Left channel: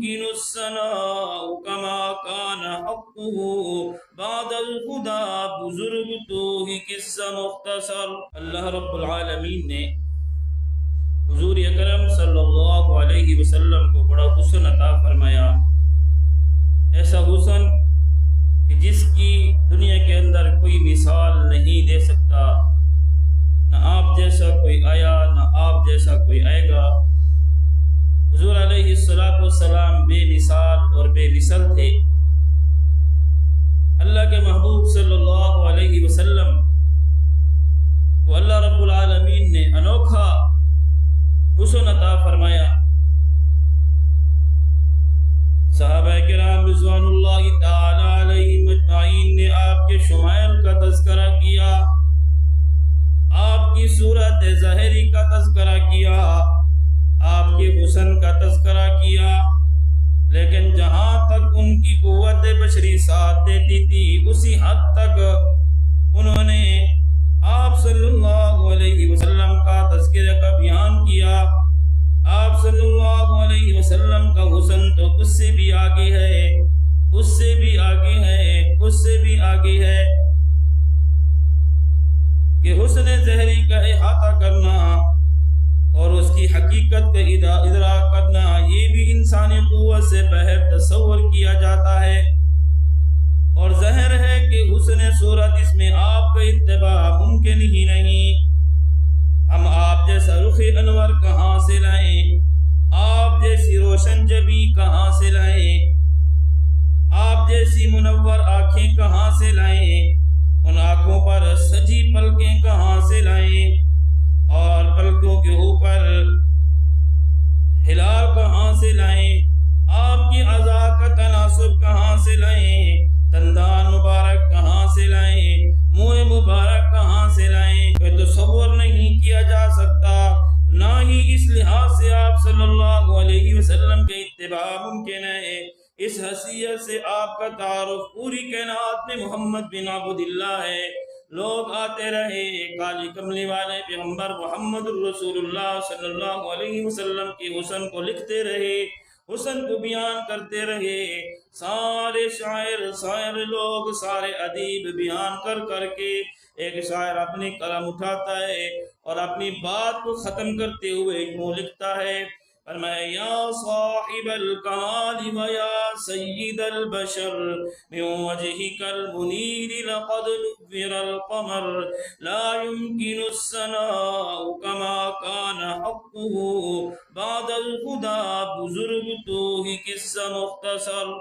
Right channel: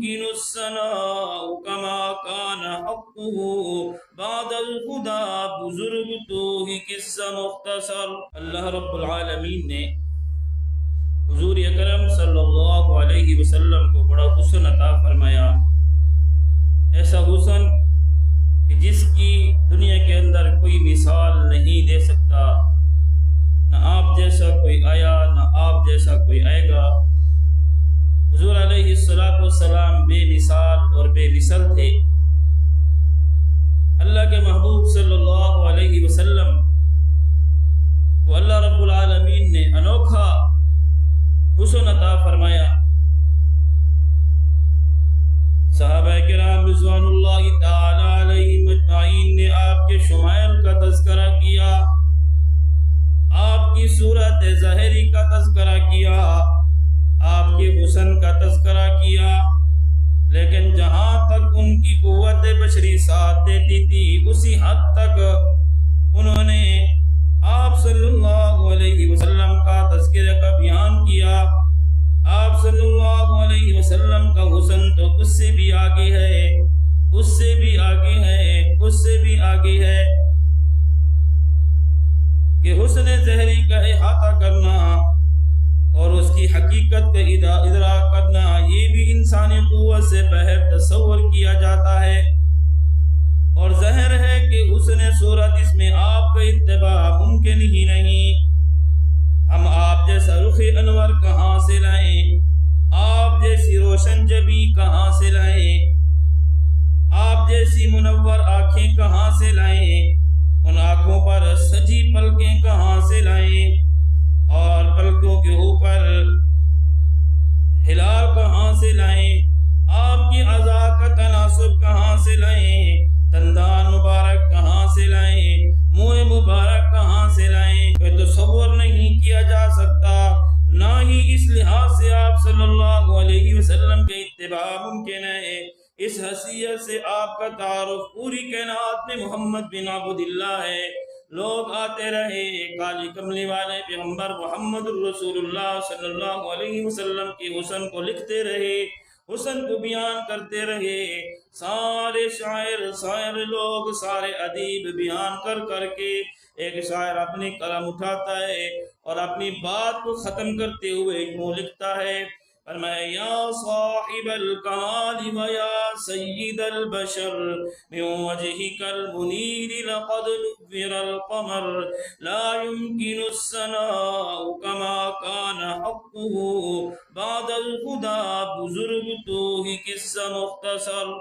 يمكن الثناء كما كان حقه بعد الخدا بزرگ تو ہی قصہ مختصر۔ اللہ رب العالمین نے حضور اکرم صلی اللہ علیہ وسلم کو بڑا حسن عطا فرمایا، ایسا حسن کہ جس کی دنیا کے اندر کوئی مثال نہیں دے سکتا، نہ آپ جیسا کوئی آیا نہ آپ جیسا کوئی آئے گا۔ حضور علیہ السلام بے مثال اور بے مثل تھے۔ اللہ کے محبوب صلی اللہ علیہ وسلم کو اللہ رب العالمین نے انوکھا حسن عطا فرمایا۔ صحابہ کرام رضوان اللہ تعالی علیہم اجمعین نے آپ کے شمائل کا تذکرہ کیا، آپ کی صورت ظاہری کا تذکرہ کیا، آپ کے حسن کا تذکرہ کیا، لیکن جہاں تک ان کی قوت بشری ساتھ دیتی تھی اسی حد تک انہوں نے آپ صلی اللہ علیہ وسلم کا تذکرہ کا بیان کیا۔ آپ صلی اللہ علیہ وسلم کا حسن تو اس سے بھی آگے ہے، اس سے بھی آگے ہے، اس سے بھی آگے ہے کہ حسن ظاہری کا احاطہ کرنا اور اس کی حقیقت کا ادراک کرنا یہ بھی انسانی قوت سے باہر تصور کیا جاتا ہے، اور ظاہر ہے کہ حسن صورت اس میں آپ کا اتباع ممکن ہی نہیں۔ ہم آپ جیسا رخ انور کہاں سے لائیں، آپ جیسی روشن جبی کہاں سے لائیں، آپ جیسی منور آنکھیں کہاں سے لائیں، ان آنکھوں پر سجی پلکیں کہاں سے لائیں، اور پلکوں کے اوپر ہلال کہاں سے لائیں، آپ کی اعضاء کا تناسب کہاں سے لائیں، دندان مبارک کہاں سے لائیں، منہ مبارک کہاں سے لائیں، یہ تصور نہیں کیا جا سکتا۔ نہ ہی اس لحاظ سے آپ صلی اللہ علیہ وسلم کے اتباع ممکن ہے۔ اس حیثیت سے آپ کا تعارف پوری کائنات میں محمد بن عبد اللہ ہے۔ لوگ آتے رہے، کالی کملی والے پیغمبر محمد الرسول اللہ صلی اللہ علیہ وسلم کے حسن کو لکھتے رہے، حسن کو بیان کرتے رہے۔ سارے شاعر لوگ، سارے ادیب بیان کر کر کے ایک شاعر اپنی قلم اٹھاتا ہے اور اپنی بات کو ختم کرتے ہوئے یوں لکھتا ہے، فرمایا یا صاحب الکمال و یا سید البشر من وجهك المنیر لقد نور القمر لا يمكن الثناء كما كان حقه بعد الخدا بزرگ تو ہی قصہ مختصر۔